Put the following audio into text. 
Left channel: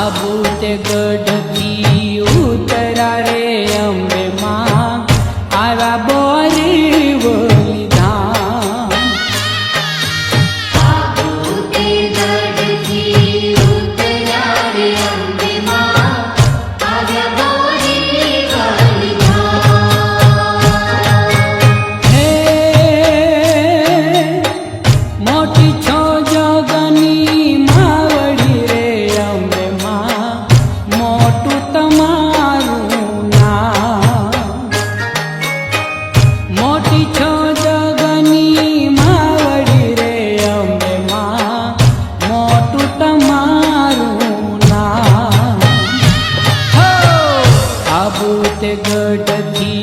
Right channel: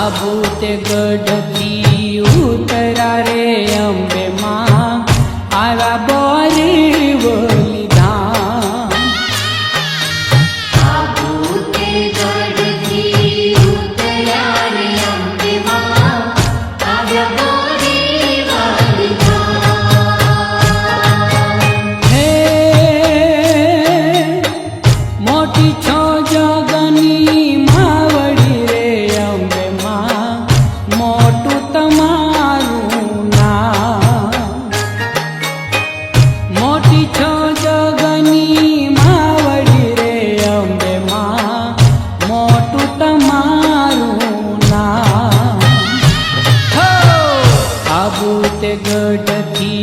आबू ते गढ़थी उतरा रे अंबे मां आवा बोरीवली धाम। आबू ते गढ़थी उतरा रे अंबे मां आवा बोरीवली धाम। हे मोटी छो जगनी मावड़ी रे अंबे मां मोटू तमारू नाम। मोटी छो जगनी मावड़ी रे अंबे मां मोटू तमारू नाम। हो आबू ते गढ़थी